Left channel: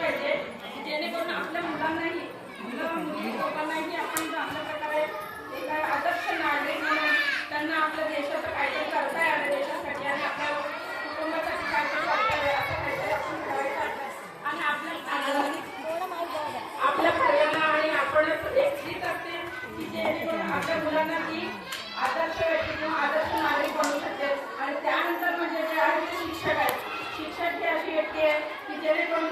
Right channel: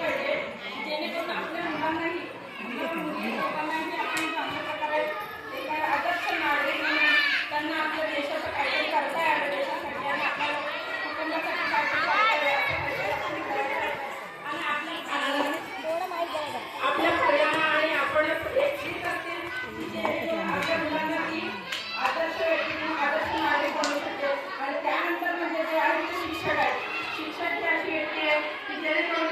पाहिजे जेणेकरून आपल्या मुलांनाही मुलं मुली लोकांनाही आपण चांगल्या प्रकारे एका आदर्श नागरिक म्हणून त्यांना आपल्या देशाचं काहीतरी करता यावं देशासाठी आणि आपल्या कुटुंबासाठी काहीतरी करता यावं असं काहीतरी आपण करायचं आहे. आणि आपल्या आपल्या प्रेरणा आणि आपण एक असते की जेणेकरून आपल्या मुलांना ती आदर्श व्यक्ती किंवा आदर्श नागरिक बनू शकते. आणि त्यानंतर म्हणजे जे आहे ते शिक्षक आहे शिक्षक ही अशी व्यक्ती आहे की जेणेकरून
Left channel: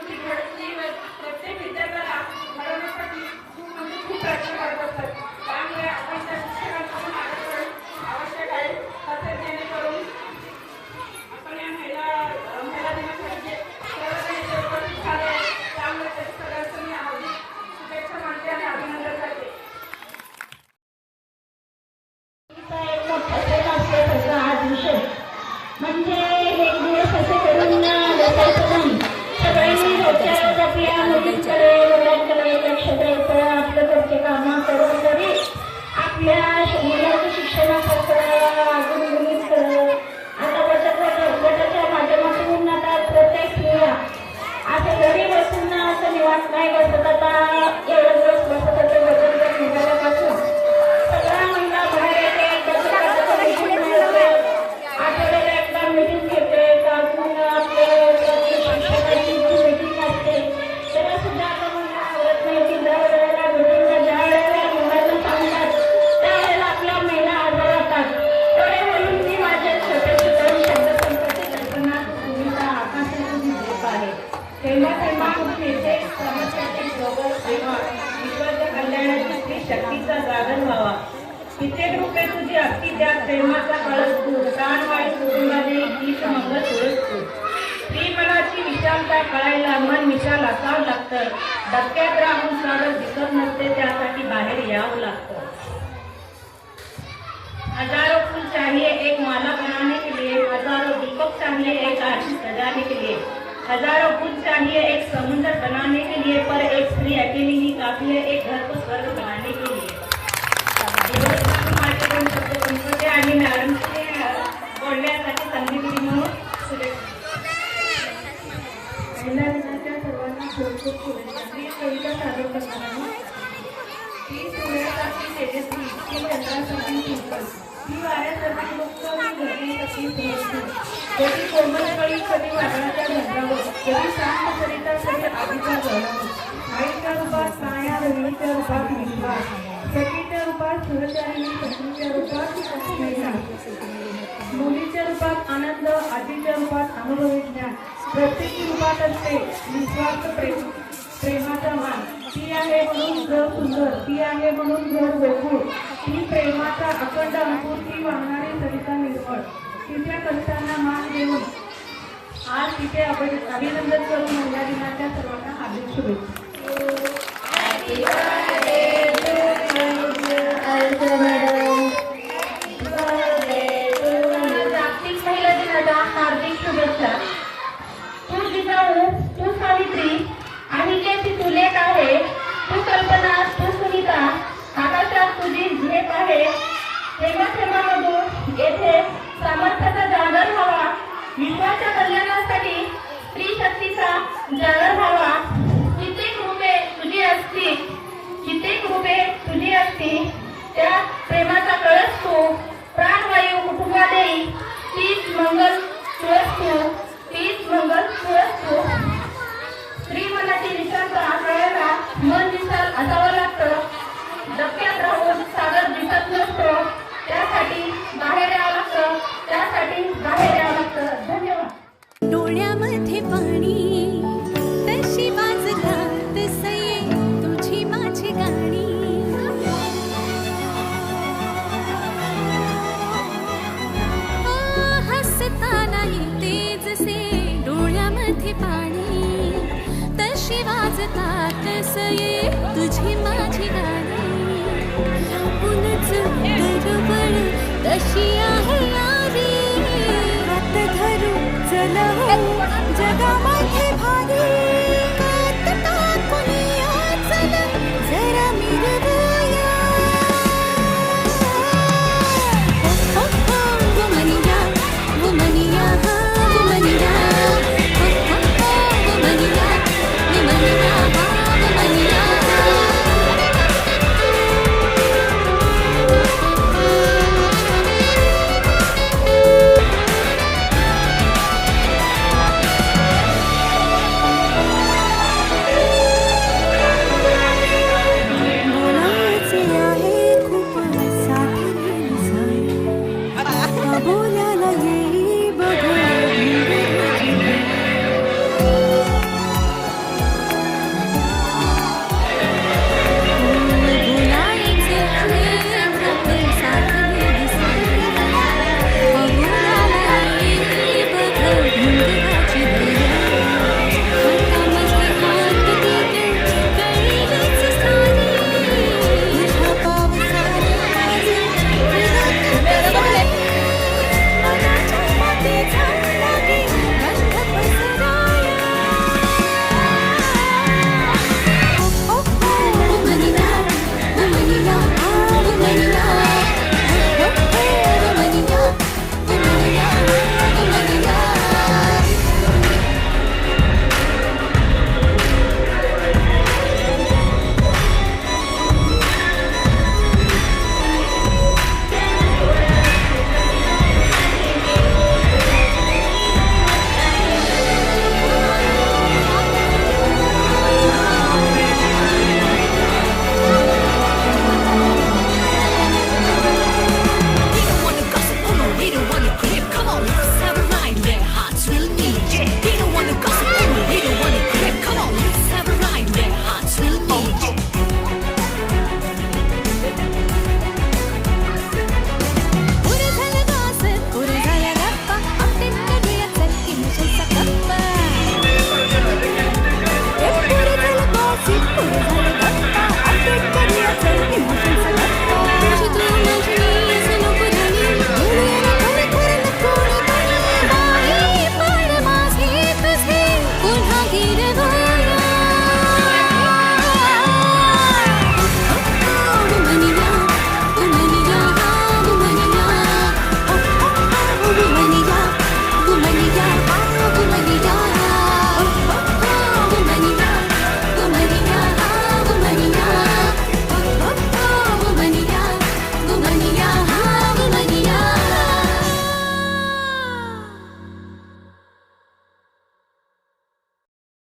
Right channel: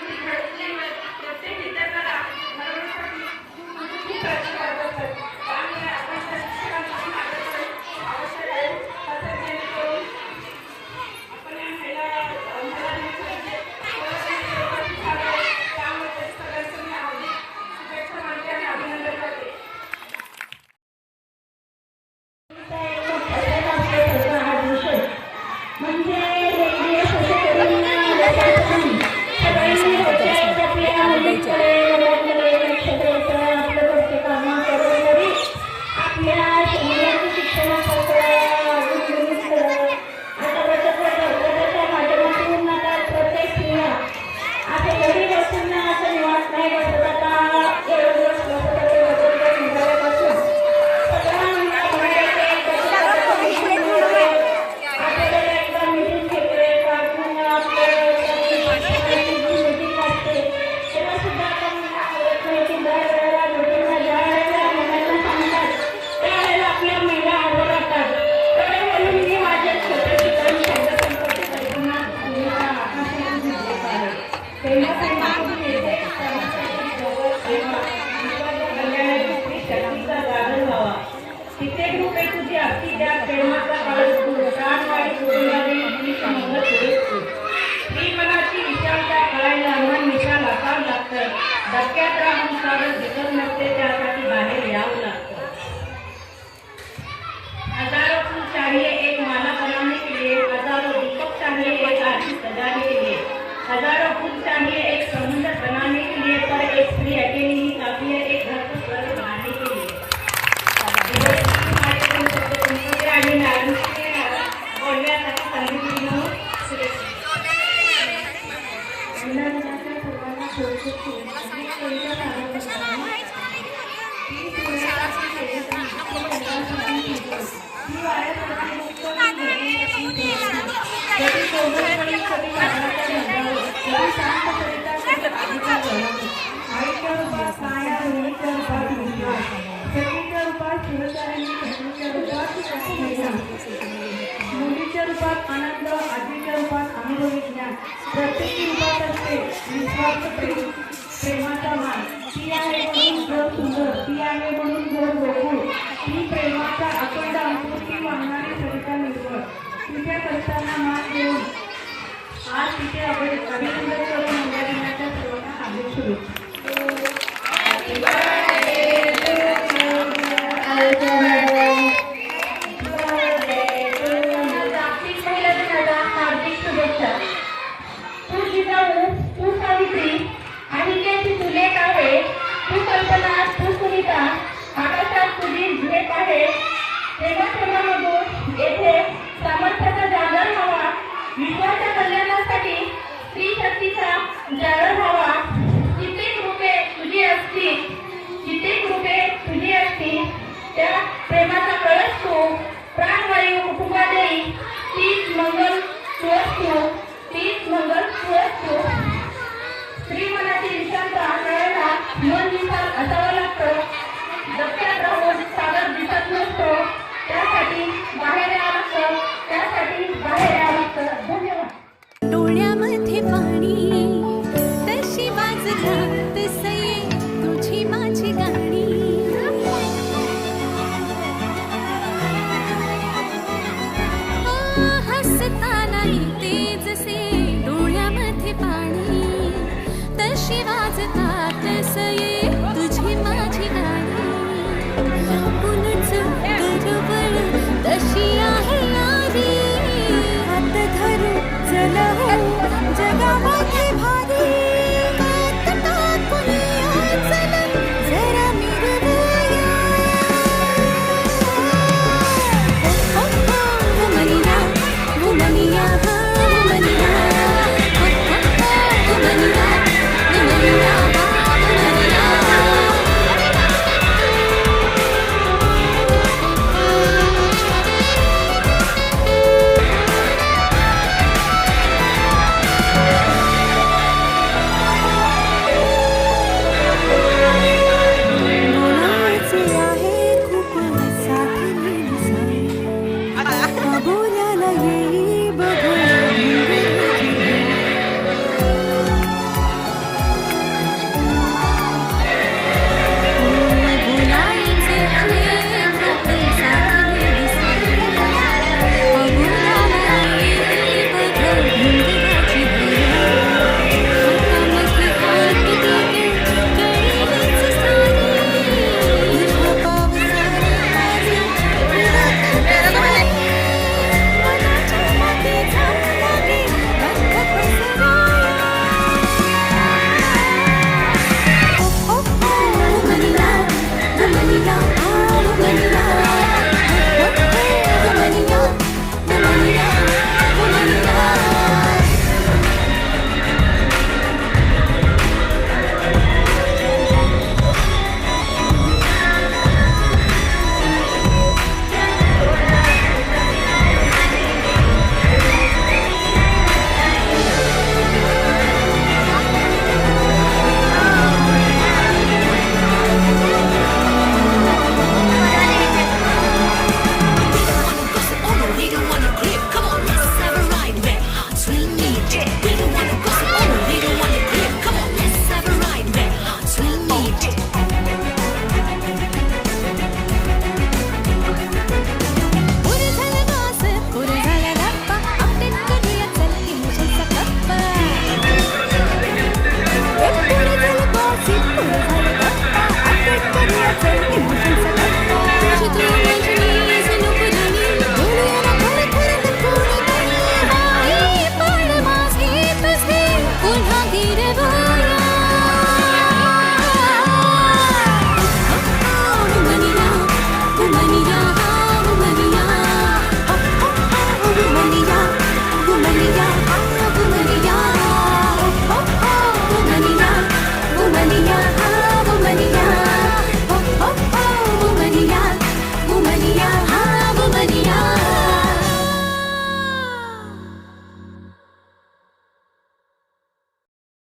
कित्येक रुपये तुझी अगदी त्या प्रेमाचा कळस तू प्राणवाडी कुटुंबाने गीत मंगल सुरेश तू। स्त्री मनाची विशालता कळायला मन विशाल असावं लागतं। धक्क्यात राहून स्वागत दिसत नसते, त्यासाठी बाहेर यावं लागतं. हज़ारों फूल चाहिए एक माला बनाने के लिए हज़ारों दीपक चाहिए एक आरती सजाने के लिए हज़ारों फूल चाहिए एक समुंदर बनाने के लिए पर एक स्त्री अकेली ही काफ़ी है एक ती वाऱ्यासाठी कधी कोमलकळी कधी वादळाच्या शांत कधी आईच्या रूपात माया बहिणीच्या रूपात मुलगा सखीच्या रूपात शिवचारिणी सखीच्या रूपात स्नेहा मुलीच्या रूपात आनंद आजीच्या रूपात अनुभवी ज्ञान. प्रत्येकी रूपात असते निस्वार्थ प्रेम प्रेमाचा मान. ती आहे म्हणून घर सुंदर. ती आहे म्हणून घर गोकुळ ती प्रेमाचा अखंड अंकुर ती वागणारी सरिता निर्मळ. तिच्या कष्टांना मान देऊन आज तिचे अभि- अभिनंदन करून महिला दिनाच्या सर्वांना हार्दिक शुभेच्छा. हार्दिक शुभेच्छा तू जिजाऊ तू सावित्री अहिल्याची तू लेख आहे तू कल्पना तू सुनीता आकाशात तुझी झेप आहे. प्रेमाश्रमामधून येथे सामर्थ्याचा जागर व्हावा. विश्वाच्या कल्याणासाठी वाजतात तसये तुझी माझी गाणी. लांबूनच दरवळ तशी आहे यारी. हात धरू चल हो